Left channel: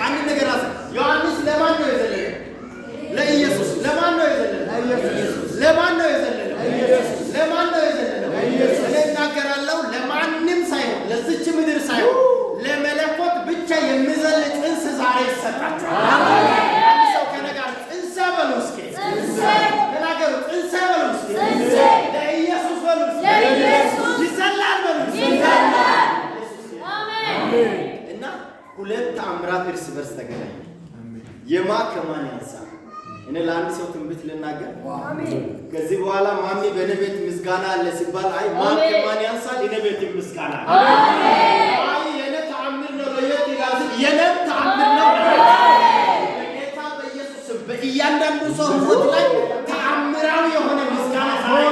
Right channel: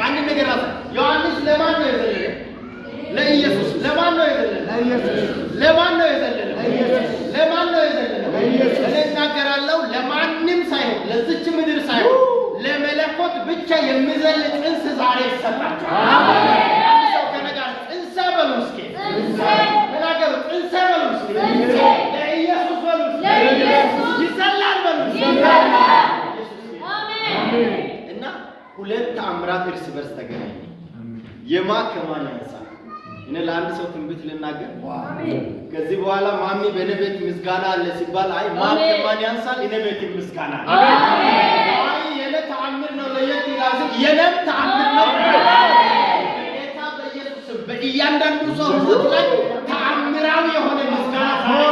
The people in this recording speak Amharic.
አንድ ነገር አለ። ዮሐንስ ለማን ነው የዘለለው? ለኢየሱስ። ለማን ነው የዘለለው? ለማን ነው የዘለለው? ለማን ነው የዘለለው? እኔ እናገራለሁ ለማንም ሳይሆን ለዚች ምድር ሳይሆን ለመለኮት ብቻ የሚዘል ጽንስ ዛሬ ይሰጣችኋል። አንድ ሰው ከነጋር ጽንሰ በሉ እስኪ ተናገሩ። ጽንሰ በሉ እስኪ ለኢየሱስ በሉ እስኪ ይዘላል በሉ አሜን። እና ሁለት ተአምራት እርስ በርስ ተገናኙ። የማ ከማን ያንሳል? እኔ ለአንድ ሰው ትንቢት ልናገር። ከዚህ በኋላ ማሚ በእኔ ቤት ምስጋና አለ ሲባል አይ ማ ከማን ያንሳል? እኔ ቤት ምስጋና አይ የኔ ተአምር ነው ለየት ይላል። የኔም ተአምር ነው። በጌታ በኢየሱስ በእያንዳንዱ ሰው ሕይወት ላይ ተአምራዊ የሆነ ምስጋና ዛሬ